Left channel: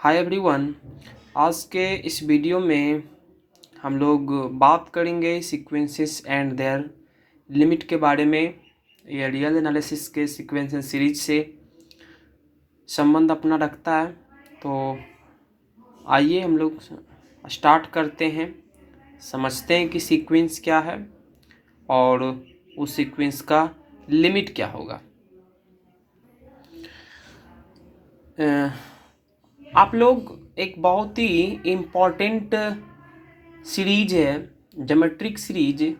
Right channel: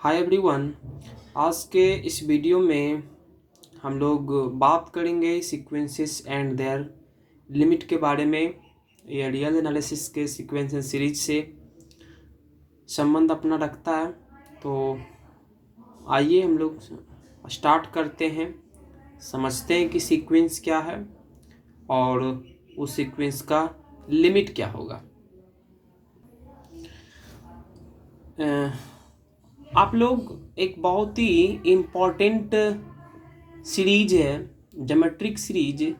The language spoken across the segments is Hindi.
Hi everyone. आज के इस वीडियो में हम लोग बात करेंगे सीक्वेंसेस एंड देयर लिमिट के बारे में। ये रियल एनालिसिस के सीक्वेंसेस सीरीज से संबंध अपना रखता है। तो आइए हम लोग स्टार्ट करते हैं, समझते हैं कि सीक्वेंस क्या है और उस सीक्वेंस का लिमिट क्या होगा। आप लोग एक बहुत ही इम्पॉर्टेंट सीरीज है ज्योमेट्रिक सीरीज,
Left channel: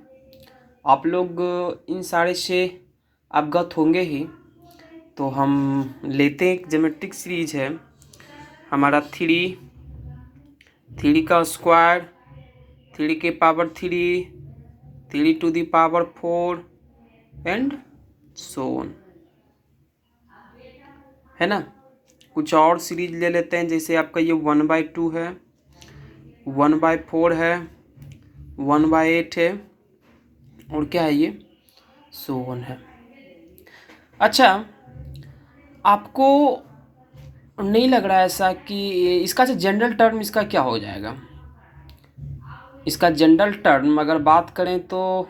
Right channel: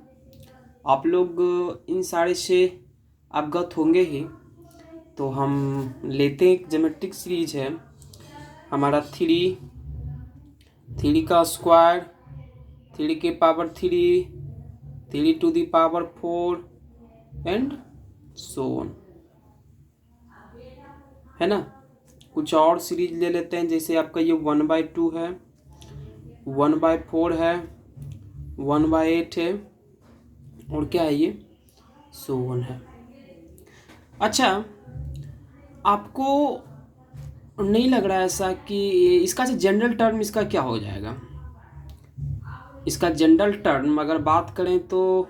आप लोग इन सारे से अवगत होंगे ही। तो हम लेते हैं, एक ज्योमेट्रिक सीरीज है हमारा थ्री का स्क्वायर, थ्री के power three, three to the power four and so on, है ना। कुछ और सीरीज ले लेते हैं, जैसे आपका ये 1/2 है, 1/4 है, 1/8 है और क्या है ये सो ऑन है। अच्छा, आपको नहीं लग रहा है ऐसा कि इसका जो जनरल टर्म इसका क्या हो जाएगा? इसका जनरल टर्म अगर बात करें तो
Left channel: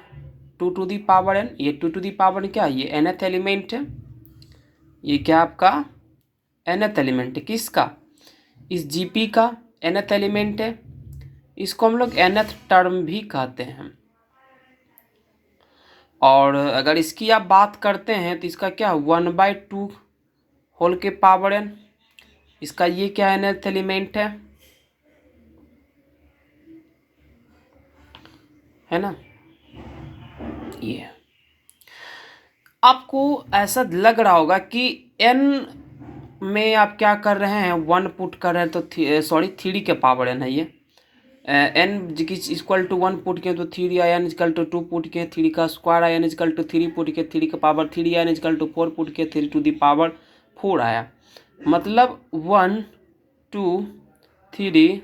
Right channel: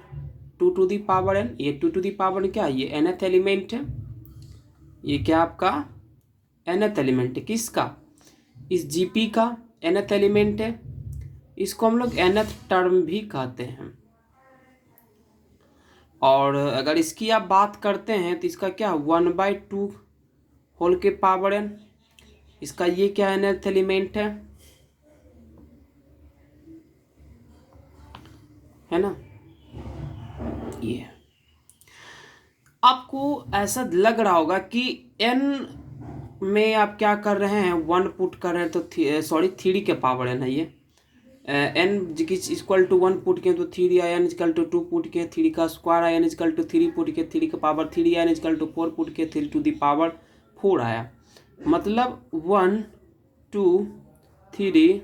2 टू दी पावर n, ये 2 टू दी पावर क्या है, ये nth एलिमेंट है। ये क्या आपका nth एलिमेंट है, किसका? इस जीपी का nth एलिमेंट है। इसको हम लोग nth टर्म भी कहते हैं। और अगर इसकी आप बात करते हैं तो इसका क्या 1/2 होल के पावर n, इसका ये क्या nth एलिमेंट है ना। ये आपको ऐसा लग रहा होगा कि n में आप क्या कर रहे हैं, 1 पुट कर रहे हैं तो सॉरी 3 के पावर n है ये। n इक्वल टू 1 पुट किए तो 3 आया, n इक्वल टू 2 पुट किए 3 का स्क्वायर आया, n इक्वल टू 3 पुट किए 3 का पावर 3 आया, n इक्वल टू 4 पुट किए 3 टू द पावर 4 आया। मतलब 1 2 3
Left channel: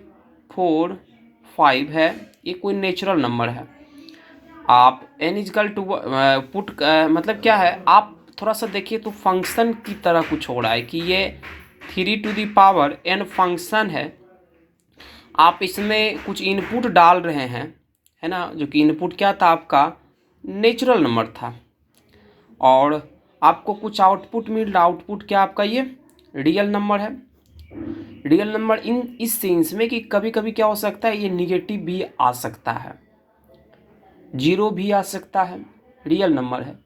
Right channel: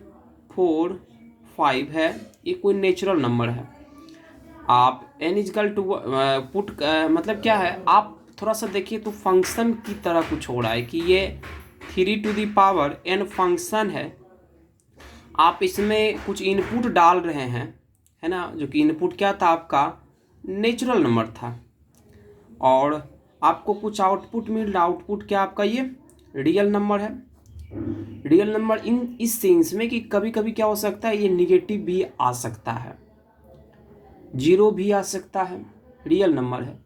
4 5 है, ये कोई नेचुरल नंबर है। आप n इजकल टू पुट मतलब क्या है, आप थोड़ा सा देखिए तो फंक्शन की तरह कुछ हो रहा है कि ये 3 to the power n function है। आप इसमें कुछ इनपुट डाल रहे हैं, है ना, जो कि इनपुट क्या था आपका नेचुरल नंबर था, और आपको कुछ आउटपुट मिल रहा। आउटपुट क्या आपका ये रियल नंबर है। रियल नंबर इन इस सेंस में कि कभी कभी क्या हो सकता है, ये निगेटिव भी आ सकता है, जीरो भी आ सकता है, रियल नंबर है।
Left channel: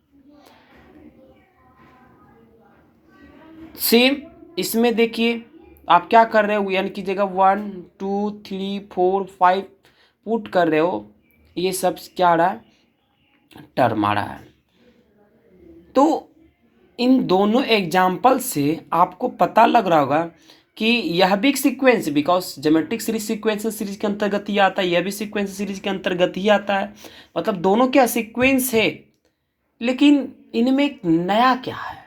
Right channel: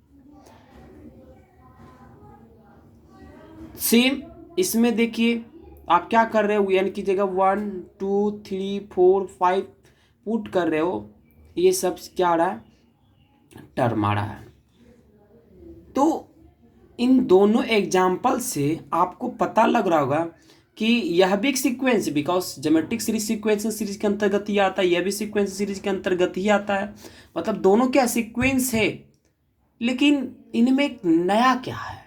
सेम इसमें देखिए आप क्या कर रहे हो, यानी की जगह 1 2 3 4 5 पुट कर रहे हो, ये सब क्या आ रहा है, टर्म आ रहा है। तो इन दोनों एग्जाम्पल से आपको पता लग रहा होगा कि यह भी एक सीक्वेंस, बिकॉज ज्योमेट्रिक सीरीज के अंतर्गत ही आता है, यह भी सीक्वेंस सीरीज के अंतर्गत ही आता है। मतलब दोनों क्या सीक्वेंस है, लेकिन इनमें एक नया क्या है।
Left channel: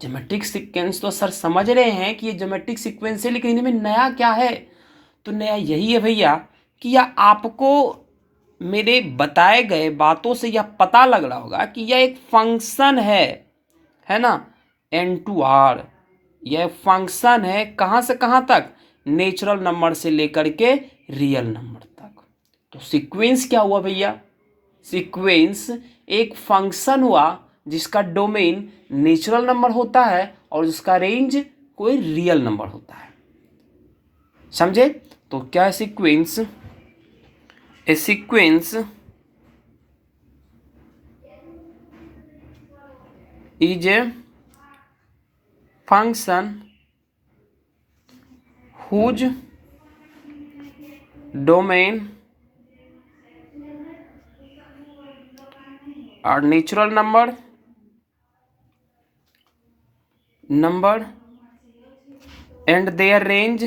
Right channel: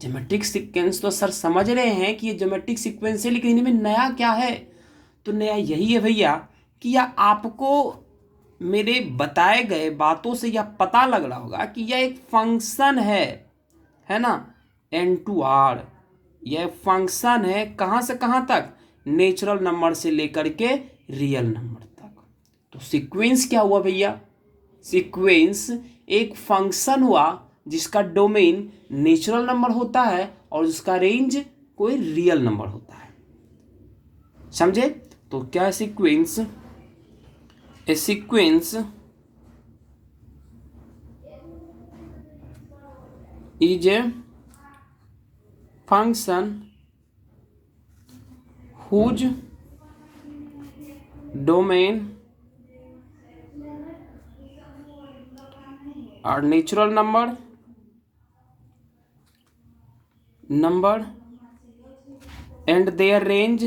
ज्योमेट्रिक सीक्वेंस तो सर समझ रहे हैं कि ये ज्योमेट्रिक सीक्वेंस है, लेकिन इनमें नया क्या है? तो नया यही है भैया कि यह आपको मेरे बताए गए बातों से यह पता लग रहा होगा कि यह एक फंक्शन है ना, n2r। यह फंक्शन है कहाँ से कहाँ तक, नेचुरल नंबर से लेकर के रियल नंबर तक। तो सीक्वेंस क्या हुआ भैया, सीक्वेंस एक फंक्शन हुआ जिसका डोमेन नेचुरल नंबर होता है और जिसका रेंज कोई रियल नंबर होता है। समझे? तो क्या है sequence? A sequence is a function whose domain are natural number and their range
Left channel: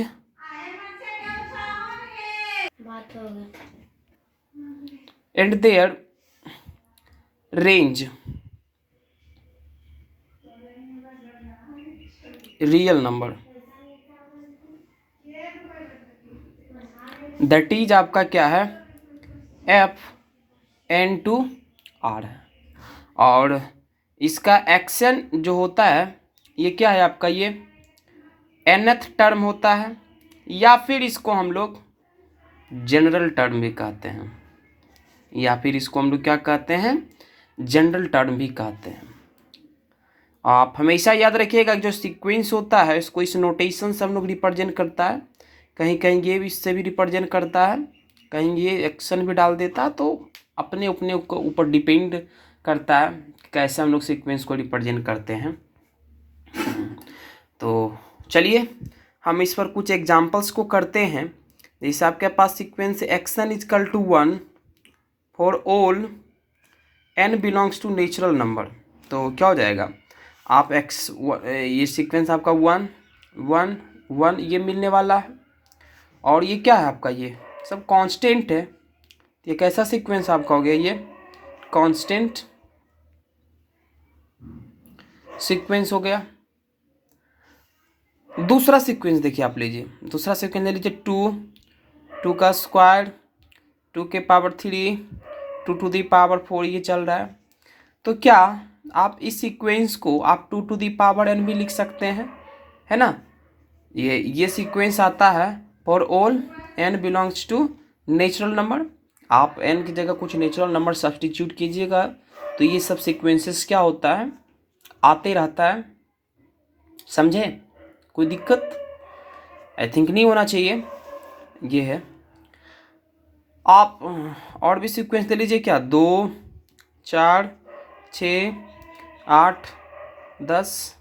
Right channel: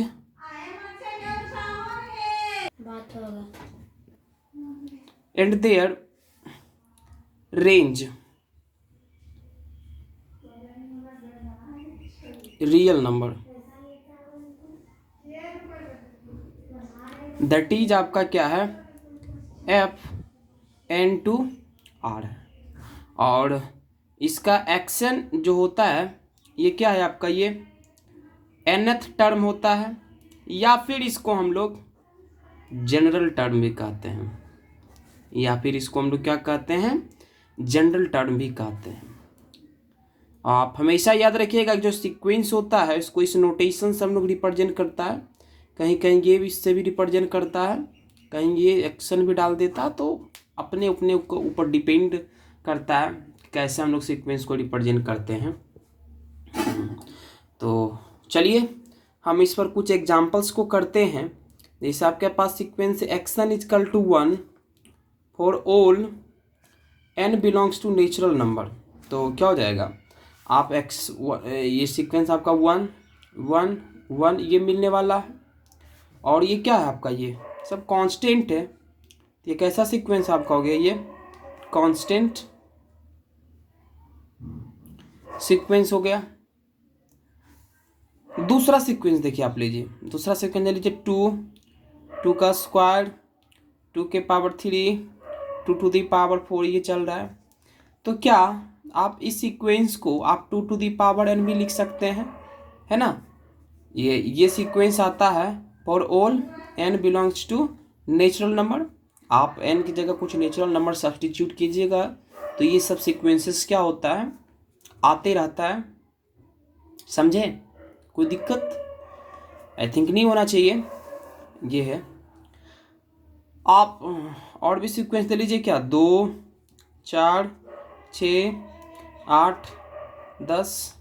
real number, that is आपका क्या है Fn2r है। और इसका एक्शन जो होता है ये क्या है आपका, ये nth टर्म होता है, या फिर इसको हम लोग जनरल टर्म भी कहते हैं, या फिर इसको हम लोग क्या कहते हैं, जनरल टर्म भी कहते हैं। आप हमेशा याद रखिएगा जो सीक्वेंस होता है इसको इस नोटेशन से हम लोग रिप्रेजेंट करता है, कहीं कहीं ये भी इससे भी रिप्रेजेंट करता है, कहीं ये एक्शन भी डाल देता है, तो अपने अपने ऊपर डिपेंड करता है कैसे हम लोग सीक्वेंस को रिप्रेजेंट करते हैं। तो चलिए हम इस पर कुछ एग्जांपल्स को करते हैं। जैसे आपके पास sequence action is equal to 1 for all n belongs to natural number, तो क्या हो जाएगा, आप एक्स ये सीक्वेंस आपका 1 1 1 ये मिलने वाला है, और ये क्या है आपका, ये सब कांस्टेंट है। ये कैसा सीक्वेंस आपका हो गया, ये कांस्टेंट सीक्वेंस हो गया। दूसरा सीक्वेंस देखिए आप लीजिए, दूसरा सीक्वेंस ले लीजिए 2 का स्क्वायर 2 के पावर 3 2 टू दी पावर 4 ये चल रहा है। तो क्या आप इस सीक्वेंस को आप 2 टू दी पावर n भी लिख सकते हैं, है ना। ये सीक्वेंस आता है for all n belongs to natural number. आप n की जगह कुछ नेचुरल नंबर सब्सटीट्यूट कीजिएगा तो ये सब सीक्वेंसेस क्या होता है, आते रहता है। समझे, कोई दिक्कत आई थिंक नहीं होना चाहिए। ये है, आप और भी सीक्वेंस ले लीजिए, क्या 2 4 6 8 10,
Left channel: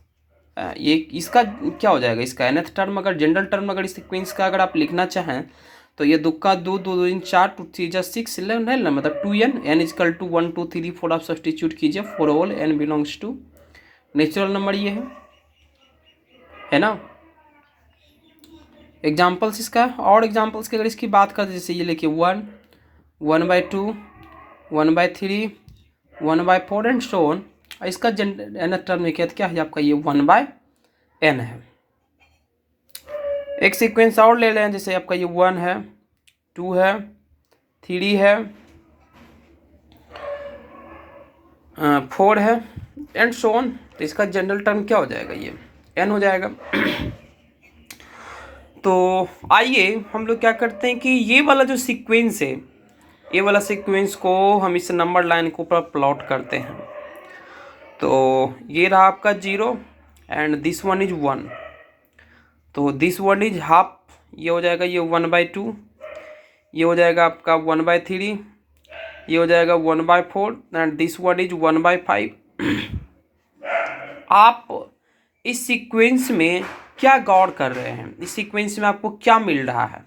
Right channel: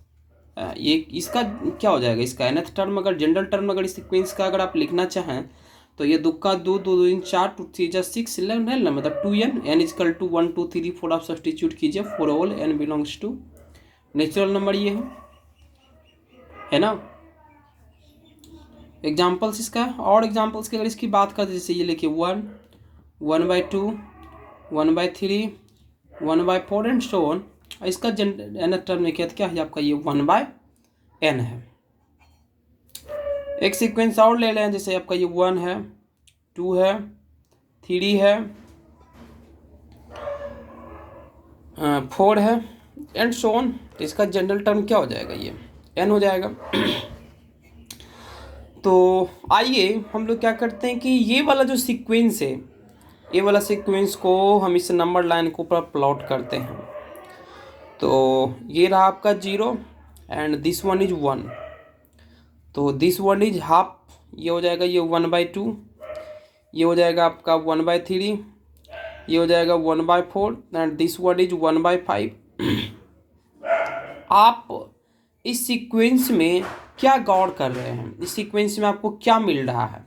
ये इसका क्या हो जाएगा, इसका nth टर्म अगर जनरल टर्म अगर इस सीक्वेंस का अगर आप लिखना चाहें तो ये 2 का 2 2 2 4 2 3 जा 6 11 है ना, मतलब 2n n is equal to 1 2 3 4 आप सब्सटीट्यूट कीजिए for all n belongs to natural number, ये है ना। एग्जाम्पल्स इसका, और एग्जाम्पल्स की अगर इसकी बात करते जैसे ये लिखिए 1 1/2 1/3 1/4 एंड सो ऑन। इसका nth टर्म में क्या है आपका, ये 1/n है। एक सीक्वेंस और ले लें, जैसे आपका ये 1 है 2 है 3 है 4 है एंड सो ऑन। तो इसका जनरल टर्म क्या हो जाएगा, ये n हो जाएगा। तो आइए हम लोग क्या करते हैं कि ये वाला जो सीक्वेंस है, ये वाला सीक्वेंस को हम इस नंबर लाइन के ऊपर प्लॉट करते हैं। तो ये रहा आपका 0 एंड दिस वन इज 1, तो दिस वन इज हाफ, ये हो जाएगा ये 1/2, ये हो जाएगा आपका 1/3, ये हो जाएगा 1/4 एंड दिस वन इज 1/5। आप इस सीक्वेंस में क्या गौर कर रहे हैं, इस सीक्वेंस में आपको क्या मिल रहा है,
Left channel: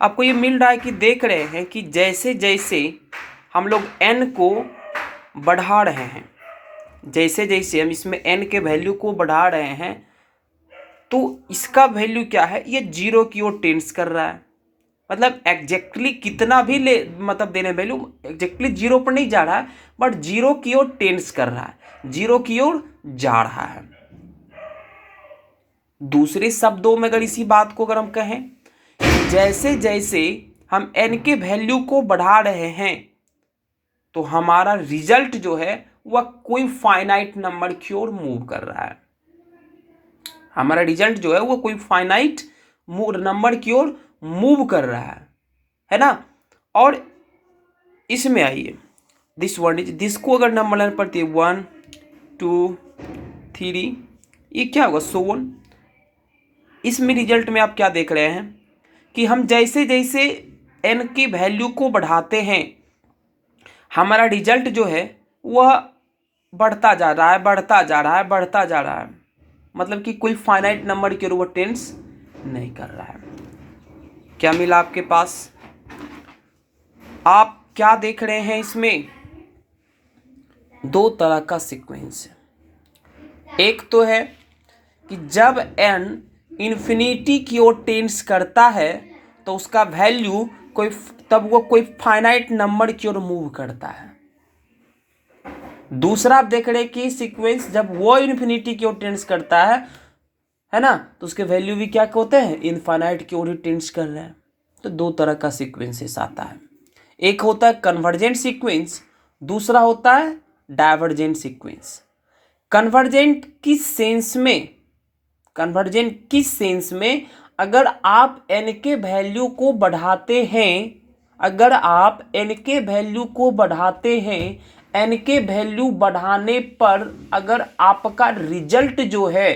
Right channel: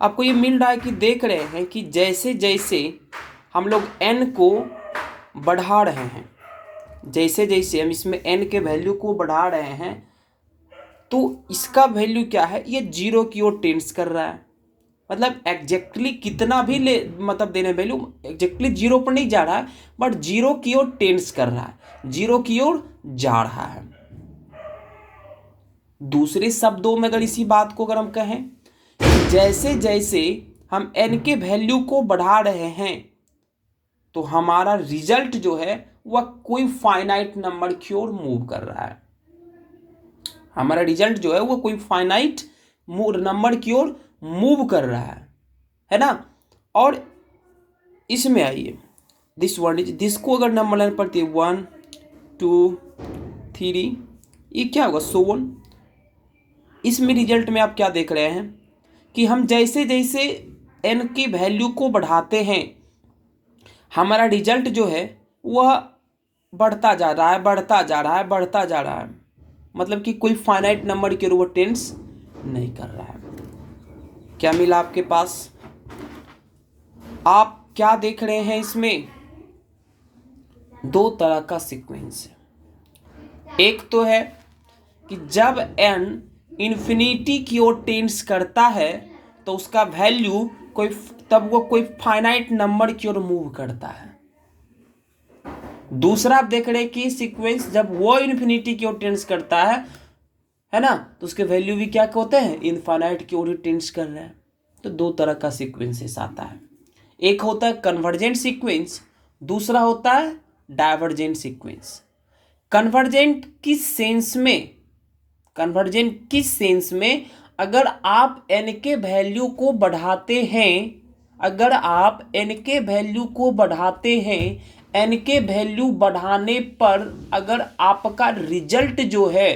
आपको ये मिल रहा है कि देख रहे हैं कि जैसे जैसे हम लोग n को बढ़ा रहे हैं, जैसे जैसे हम इसमें n के वैल्यू को बढ़ा रहे हैं तो इसका वैल्यू क्या है, ये 0 की ओर टेंड्स कर रहा है। मतलब एग्जैक्टली कितना भी ले मतलब देने वैल्यू एग्जैक्टली 0 पर नहीं जा रहा है, बट 0 की ओर टेंड्स कर रहा है, 0 की ओर जा रहा है। दूसरे शब्दों में अगर इसी बात को अगर हम कहें, जैसे जैसे हम n के वैल्यू को बढ़ा रहे हैं तो हमारा रिजल्ट जो है वह कोई फाइनाइट नंबर की ओर मूव कर रहा है, हमारा रिजल्ट जो है वो कोई फाइनाइट नंबर की ओर मूव कर रहा है ना। और इसमें आइए दिस वन इज, दिस को अगर नंबर लाइन पड़ती है 1 2 3, ये क्या होगा सो ऑन। इसमें रिजल्ट में आप क्या देख रहे हैं कि हम जैसे जैसे n की वैल्यू को बढ़ाते हैं हमारा रिजल्ट जो है वह बढ़ता जा रहा है, बढ़ता जा रहा है, बढ़ता जा रहा है। मतलब कि कोई फाइनाइट नंबर के ऊपर टेंस नहीं कर रहा है। क्या मिला आपके पास, आप क्या देख रहे हैं, इसमें दो तरह का सीक्वेंस है। एक तो है कि जब n इन्फिनिटी की ओर टेंस करता है तो उसका वैल्यू कोई तब वो कोई फाइनाइट नंबर की ओर मूव करता है। दूसरा आप देख रहे हैं कि सीक्वेंस जब वो इन्फिनिटी की ओर टेंस करता है ना, तो उसके वैल्यू भी क्या होते हैं, इनफाइनाइट की ओर टेंस कर रहे हैं। तो दो तरह का सीक्वेंसेस आता है, एक होता है कन्वर्जेंट सीक्वेंस, दूसरा होता है डाइवर्जेंट सीक्वेंस। कन्वर्जेंट किस सेंस में, कन्वर्जेंट किस सेंस में? अगर आप n के वैल्यू को बढ़ाते हैं, अगर आप n के वैल्यू को बढ़ाते हैं, n के वैल्यू बढ़ाने पर अगर आपका रिजल्ट जो है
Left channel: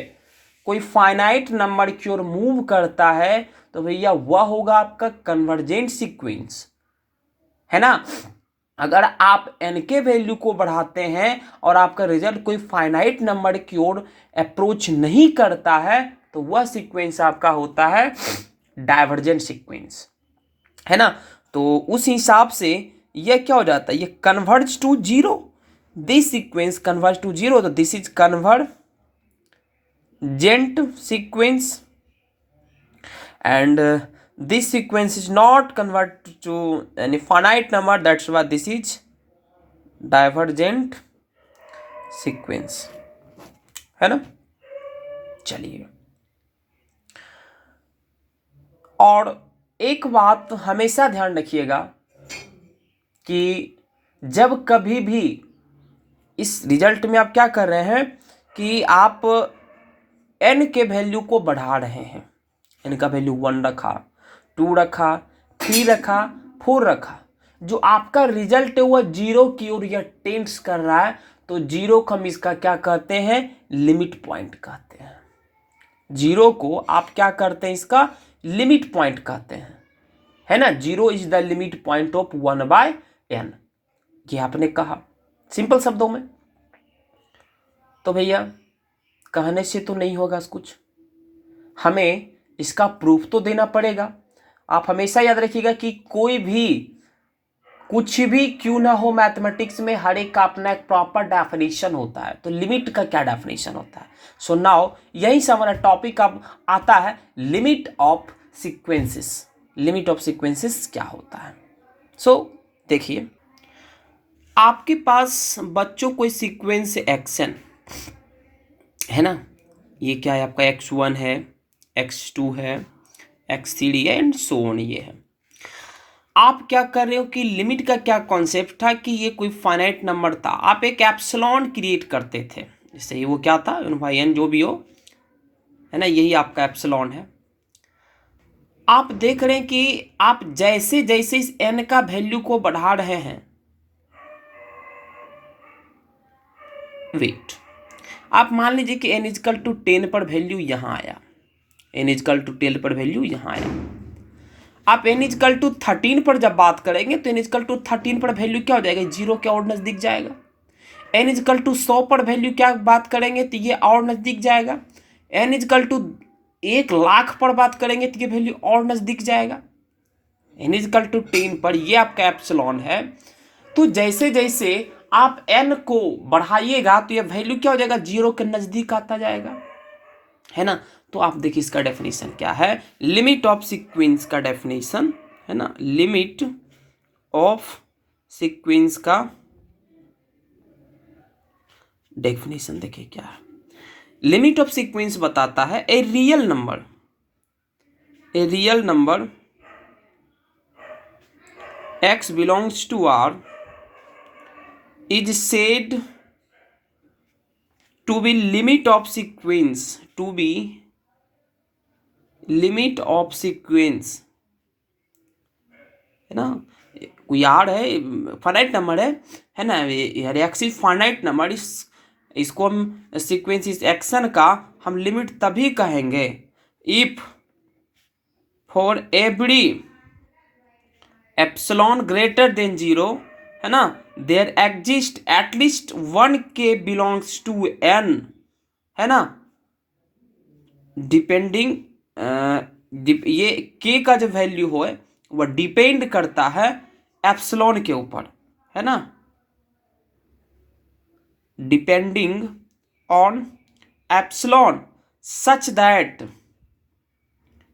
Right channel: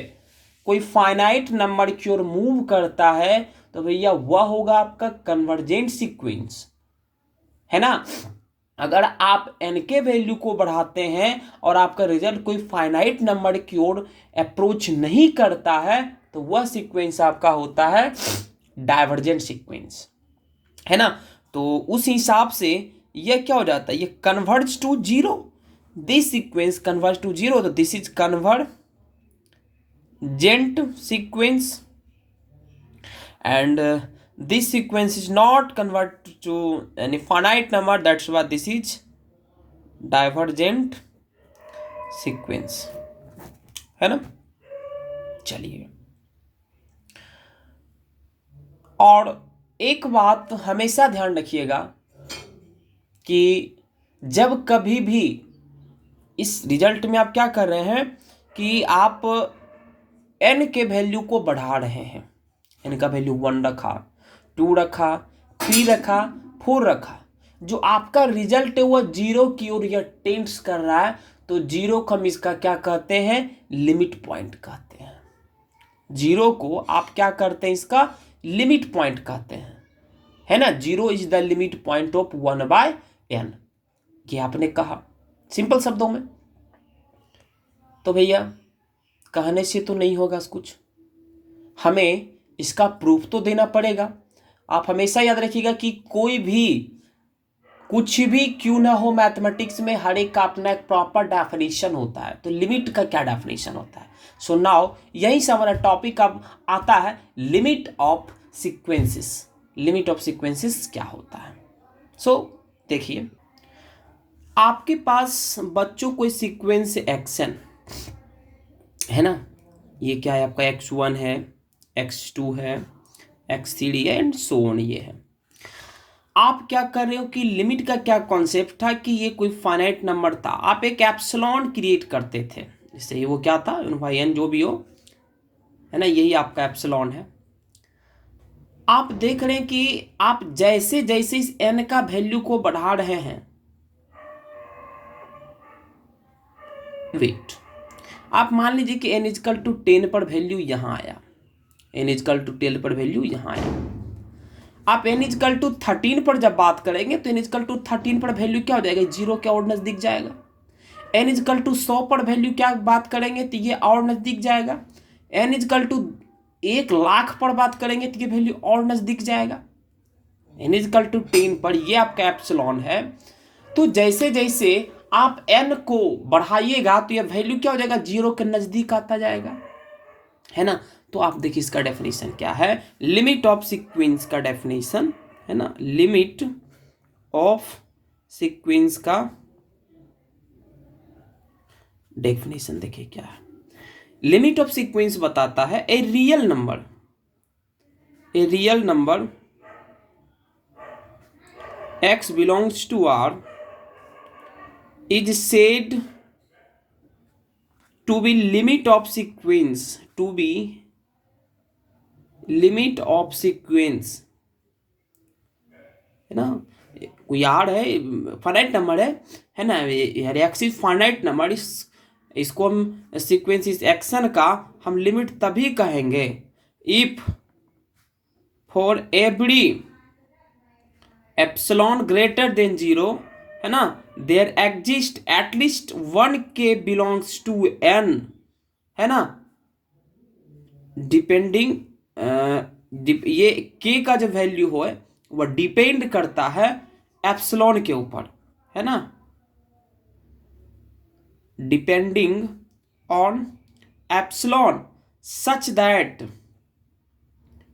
कोई फाइनाइट नंबर की ओर मूव करता है तो भैया वह होगा आपका कन्वर्जेंट सीक्वेंस, है ना। अगर आप n के वैल्यू को बढ़ाते हैं और आपका रिजल्ट कोई फाइनाइट नंबर की ओर अप्रोच नहीं करता है तो वह सीक्वेंस आपका होता है डाइवर्जेंट सीक्वेंस, है ना। तो उस हिसाब से यह क्या हो जाता है, ये converge to zero, this sequence converge to zero, तो this is convergent sequence and this sequence is not converted to any finite number, that's why this is divergent sequence, है ना। चलिए, और एक बात हमेशा ध्यान रखिएगा कि जब कभी भी इस रिजल्ट में आप क्या कर रहे हैं कि आप n के वैल्यू को बढ़ा रहे हैं, n का वैल्यू 1 रखा, 2 रखा, 3 रखा, 4 रखा, जो आपका रिजल्ट है वह जीरो की ओर यह टेंड्स कर रहा है, तो जीरो को हम इसका क्या कहते हैं, लिमिट पॉइंट कहते हैं। जीरो को आप क्या करते हैं, इसका लिमिट पॉइंट कहते हैं, है ना। Zero is the limit point of 1/n, ये आपने कहा सिंपल शब्दों में। तो भैया कहने से तो नहीं होगा कुछ, हमें इसका प्रूफ तो देना पड़ेगा। आप हमेशा याद रखिएगा कि कोई भी कुछ भी क्यों ना हो मैथमेटिक्स में हर एक का अपना एक प्रॉपर डेफिनेशन होता है, तो लिमिट का क्या डेफिनेशन होता है। सो नाउ यही से हमारा टॉपिक अब आता है limit of sequences. Limit of sequences क्या होता है। सो देखिए, आपके पास बच्चों कोई सीक्वेंस एक्शन है ना, ये क्या है आपका x1 है, x2 है, x3 है एंड सो ऑन, ये है। आप क्या कर रहे हो कि लिमिट का क्या कॉन्सेप्ट था कि ये कोई फाइनाइट नंबर था, आप एक एप्सिलॉन क्रिएट करते थे, जैसे वो क्या था भाई n जो भी हो, है ना, यही आपका एप्सिलॉन है। आप देख रहे हैं कि आप जैसे जैसे इस n का वैल्यू को बढ़ा रहे हैं, वेट, आप मान लीजिए कि n इजकल टू 10 पर वैल्यू यहाँ आया, n इजकल टू 10 पर वैल्यू यहाँ आया। आप n इजकल टू 13 पर जब बात करेंगे तो n इजकल टू 13 पर वैल्यू क्या हो जाएगा, जीरो के और नज़दीक जाएगा। n इजकल टू 100 पर वैल्यू क्या बात करेंगे तो ये और नज़दीक जाएगा। n इजकल टू 1,00,000 पर बात करेंगे तो ये वैल्यू और नज़दीक जाएगा। n इजकल टू 10 पर ये आपका एप्सिलॉन है। तो जैसे जैसे आप n को बढ़ाइएगा तो ये वैल्यू क्या हो जाएगा, जीरो के नज़दीक आता जाएगा, है ना। तो आप देखिए इसका डेफिनेशन क्या है, लिमिट ऑफ सीक्वेंस का डेफिनेशन, है ना। लिमिट ऑफ सीक्वेंस का डेफिनेशन देखिए क्या है। लिमिट ऑफ सीक्वेंस बताता है a real number x belongs to R is said to be limit of sequence, to be limit of sequence, है ना। कोई आर है, फाइनाइट नंबर है ना, एक्स इज फाइनाइट नंबर, इसको हम सीक्वेंस इस एक्शन का हम लिमिट तभी कहेंगे if for every epsilon greater than zero, है ना, there exist at least 1 k belongs to n, है ना, डिपेंडिंग ये k का जो वैल्यू हो वह डिपेंड करता है एप्सिलॉन के ऊपर, है ना, depending on epsilon such that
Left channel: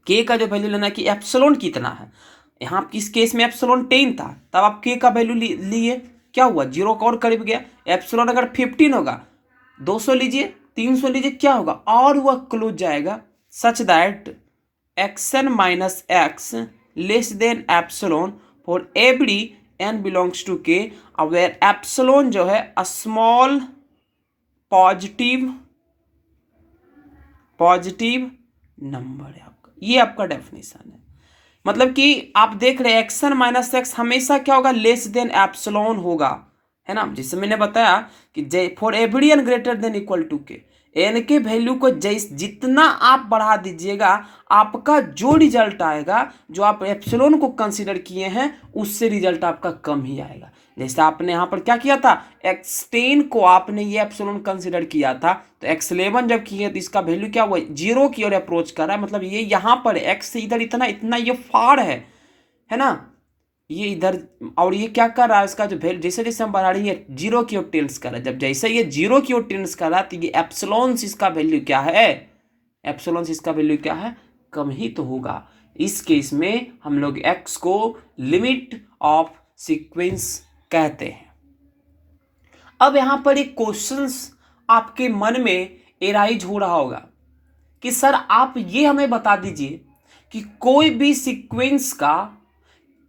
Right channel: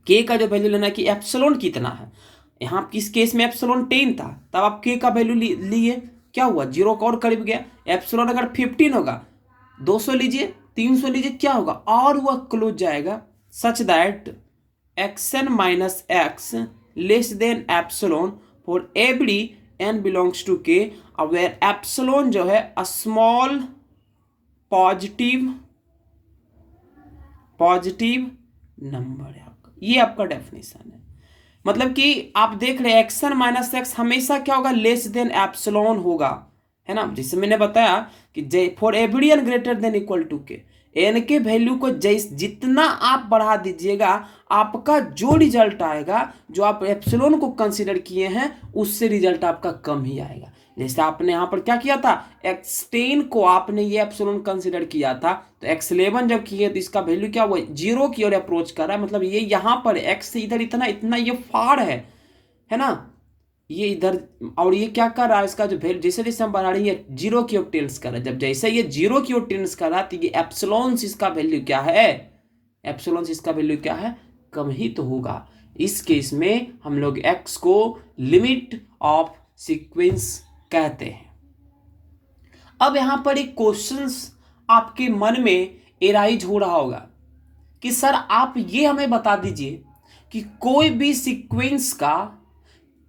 k का जो वैल्यू लेना है कि एप्सिलॉन कितना है। यहाँ किस केस में एप्सिलॉन 10 था, तब आप k का वैल्यू लिए, क्या हुआ, जीरो का और करीब गया। एप्सिलॉन अगर 15 होगा, 200 लीजिए, 300 लीजिए, क्या होगा, और वह क्लोज जाएगा such that xn minus x less than epsilon for every n belongs to k, where epsilon जो है स्मॉल पॉजिटिव पॉजिटिव नंबर है आपका, ये आपका डेफिनेशन है। मतलब कि आप देख रहे हैं एक्सन माइनस एक्स हमेशा क्या होगा, लेस देन एप्सिलॉन होगा, है ना। जैसे मैंने बताया कि for every N greater than equal to K, N के वैल्यू को जितना आप बढ़ा दीजिएगा आपका जो रिजल्ट आएगा, जो आप एप्सिलॉन को कंसीडर किए हैं उससे रिजल्ट आपका कम ही आएगा। जैसे आपने यहाँ पर क्या किया था, x10 को आपने ये एप्सिलॉन कंसीडर किया था, तो x11 जब किए तो इसका वैल्यू क्या हुआ, 0 की ओर अप्रोच कर रहा है। मतलब ये यहाँ पर x से इधर इतना इतना ये फार है ना, ये इधर, और ये क्या कर रहा है, इसका जो वैल्यू जैसे जैसे हम बढ़ा रहे हैं 0 की ओर टेंड्स कर रहा है। जब जैसे ये 0 की ओर टेंड्स कर रहा है तो ये एप्सिलॉन इसका वैल्यू क्या है, एप्सिलॉन इसका वैल्यू क्या है, कम ही तो होगा। इस केस में हम लोग x को लिमिट ऑफ सीक्वेंस कहते हैं। अब यहां पर एक क्वेश्चंस आपके मन में एराइज हो रहा होगा कि सर आप ये हमें बता दीजिए कि कोई भी सीक्वेंस का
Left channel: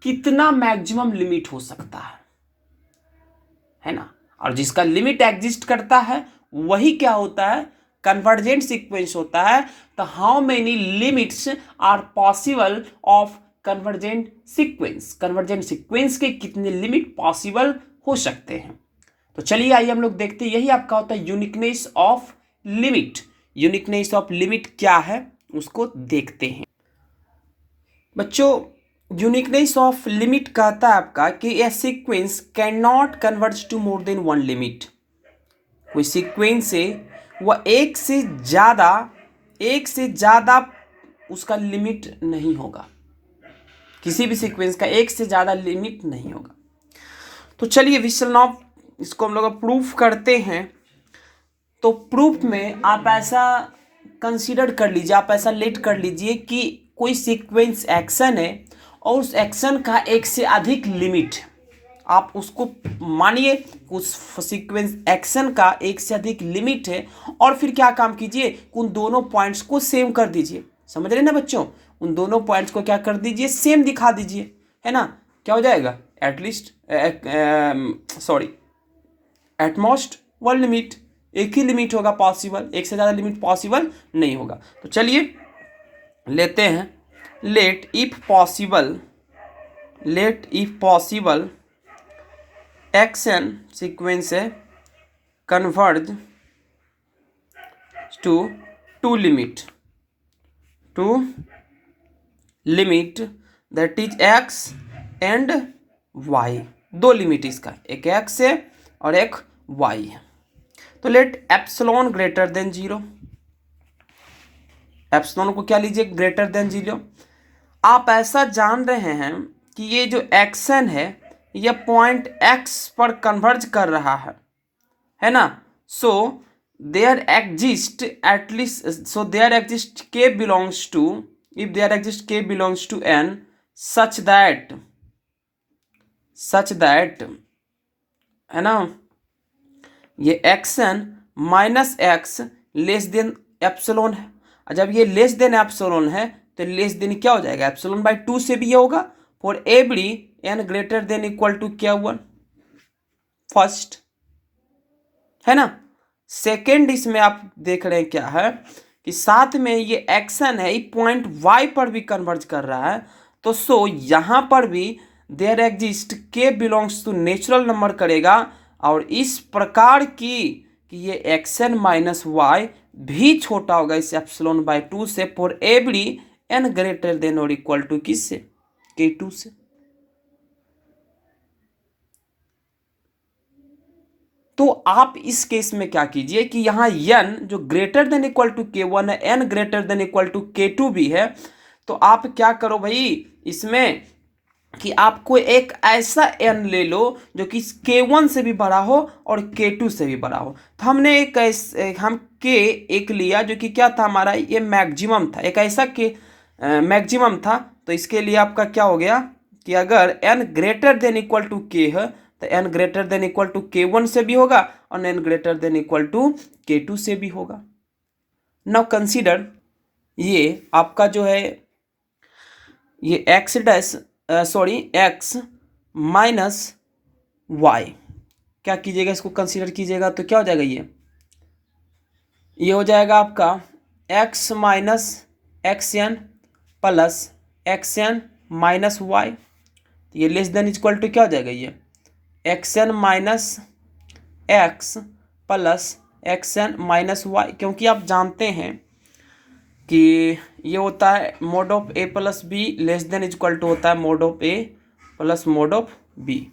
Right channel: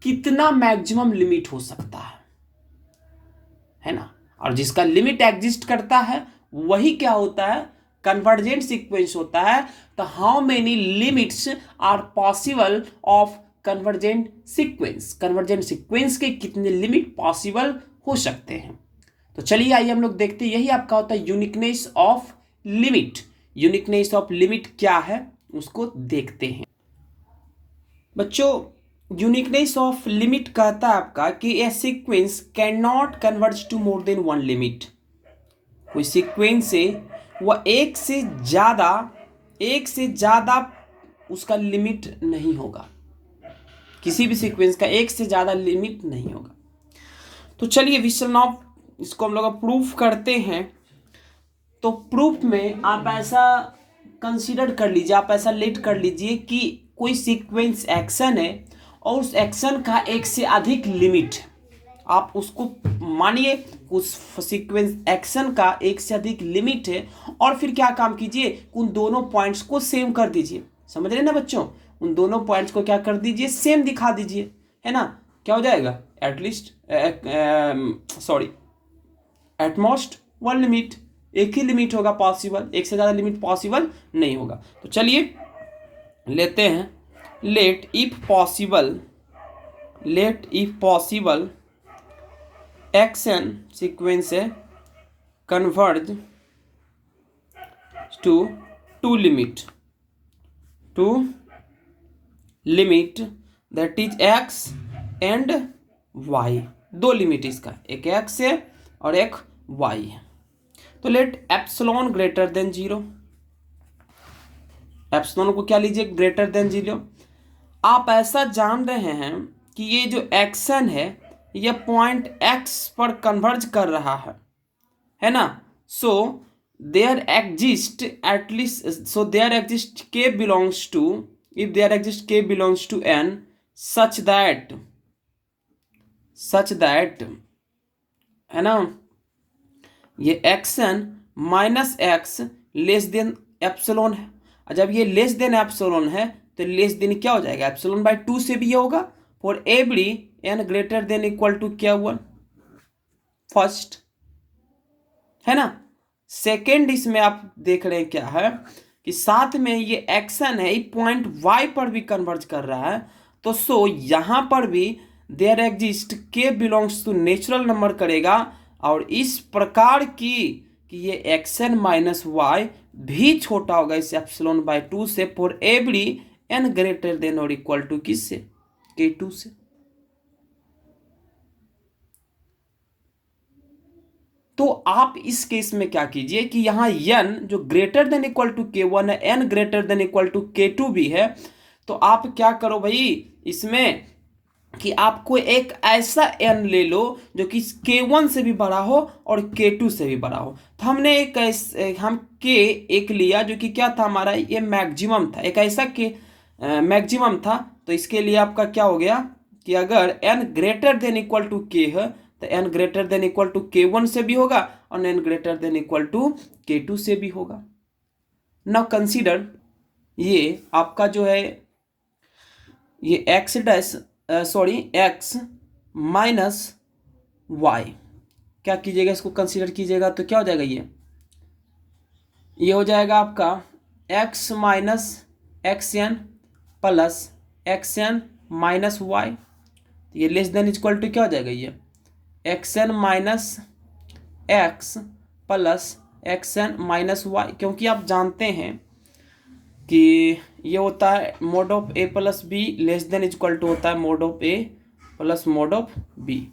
कितना मैक्सिमम लिमिट हो सकता है ना। और जिसका लिमिट एग्जिस्ट करता है वही क्या होता है, कन्वर्जेंट सीक्वेंस होता है। तो how many limits are possible of convergent sequence, convergent sequence के कितने लिमिट पॉसिबल हो सकते हैं। तो चलिए आइए हम लोग देखते हैं, यही आपका होता है uniqueness of limit. Uniqueness of limit क्या है उसको देखते हैं बच्चों। यूनिकनेस ऑफ लिमिट कहता है आपका कि a sequence can not converge to more than one limit. कोई सीक्वेंस से वह एक से ज़्यादा उसका लिमिट नहीं होगा, किसी भी सीक्वेंस का एक से ज़्यादा लिमिट नहीं होगा। तो चलिए वी शैल नाउ इसको हम लोग प्रूफ करते हैं। तो प्रूफ में आप ऐसा कंसीडर कर लीजिए, आप ऐसा लेट कर लीजिए कि कोई सीक्वेंस एक्शन है और उस एक्शन का एक से अधिक लिमिट, आप उसको मानिए उस सीक्वेंस एक्शन का एक से अधिक लिमिट है, और फिर क्या काम कीजिए, उन दोनों पॉइंट्स को सेम कर दीजिए। समझ रहे ना बच्चों, उन दोनों पॉइंट्स को क्या कर दीजिए, सेम दिखा दीजिए, है ना। क्या हो जाएगा, at least at most one limit, एक ही लिमिट होगा पॉसिबल, एक से ज़्यादा लिमिट पॉसिबल नहीं होगा। तो चलिए लेते हैं, let if possible action sequence है converge to limit that is x and y। दो लिमिट इसका, एक x है और एक y है। तो let epsilon greater than 0, epsilon को क्या लीजिए, ग्रेटर देन 0। आप ऐसा जान रहे हैं कि ये जो एक्शन है ये पॉइंट x पर कन्वर्ज कर रहा है ना। So there exist k belongs to, if there exist k belongs to n such that है ना, ये एक्शन minus X less than epsilon है। जब ये लेस देन एप्सिलॉन है तो लेस देन क्या हो जाएगा, एप्सिलॉन बाई 2 से भी ये होगा। For every n greater than equal to क्या हुआ, फर्स्ट, है ना। सेकेंड इसमें आप देख रहे हैं क्या है कि साथ में ये एक्शन है पॉइंट y पर भी कन्वर्ज कर रहा है। तो सो यहाँ पर भी there exist k belongs to natural number करेगा, और इस प्रकार की कि ये एक्शन माइनस वाई भी छोटा होगा इस एप्सिलॉन बाई 2 से, for every n greater then और इक्वल टू किससे, k2 से। तो आप इस केस में क्या कीजिए कि यहाँ n जो greater than equal to k1 है, n greater than equal to k2 भी है। तो आप क्या करो भाई इसमें कि आपको एक ऐसा n ले लो जो कि k1 से भी बड़ा हो और k2 से भी बड़ा हो। तो हमने हम k एक लिया जो कि क्या था हमारा, ये मैक्सिमम था, एक ऐसा k मैक्सिमम था। तो इसके लिए आपका क्या हो गया कि अगर n greater than equal to k है तो n greater than equal to k1 से भी होगा और n greater than equal to k2 से भी होगा। नाउ कंसीडर ये आपका जो है ये x माइनस y, क्या कीजिएगा इसको कंसीडर कीजिएगा तो क्या हो जाएगा, ये हो जाएगा आपका X minus X N plus X N minus Y, ये लेस देन इक्वल टू क्या हो जाएगा, ये X N minus X plus X N minus Y, क्योंकि आप जानते हैं कि ये होता है mod of A plus B less than equal to होता है mod of A plus mod of B,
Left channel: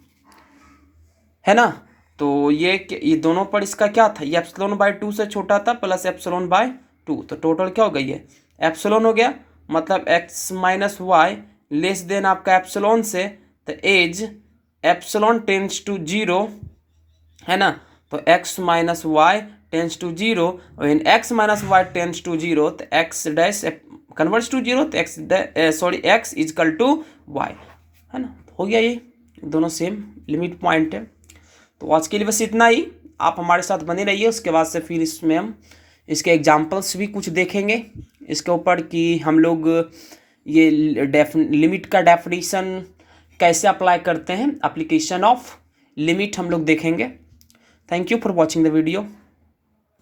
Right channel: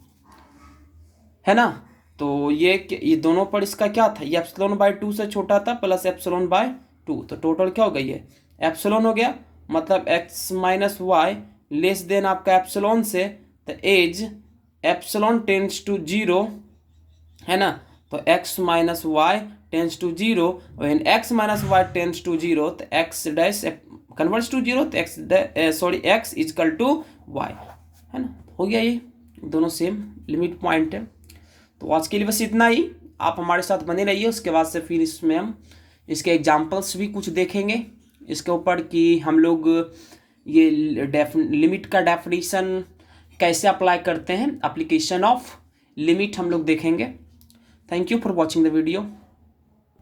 है ना। तो ये दोनों पर इसका क्या था, ये एप्सिलॉन बाय 2 से छोटा था प्लस एप्सिलॉन बाय 2, तो टोटल क्या हो गई है एप्सिलॉन हो गया, मतलब X minus Y less than आपका एप्सिलॉन से, तो एज एप्सिलॉन टेंड्स टू 0, है ना। तो x minus Y tends to 0, when x minus Y tends to 0, तो x डैश कन्वर्ट्स टू 0, तो x इजकल टू y, है ना। हो गया, ये दोनों सेम लिमिट पॉइंट है। तो आज के लिए बस इतना ही, आप हमारे साथ बने रहिए। उसके बाद से फिर इसमें हम इसके एग्जाम्पल्स भी कुछ देखेंगे इसके ऊपर कि हम लोग ये लिमिट का डेफिनेशन कैसे अप्लाई करते हैं, एप्लीकेशन ऑफ लिमिट हम लोग देखेंगे। Thank you for watching the video.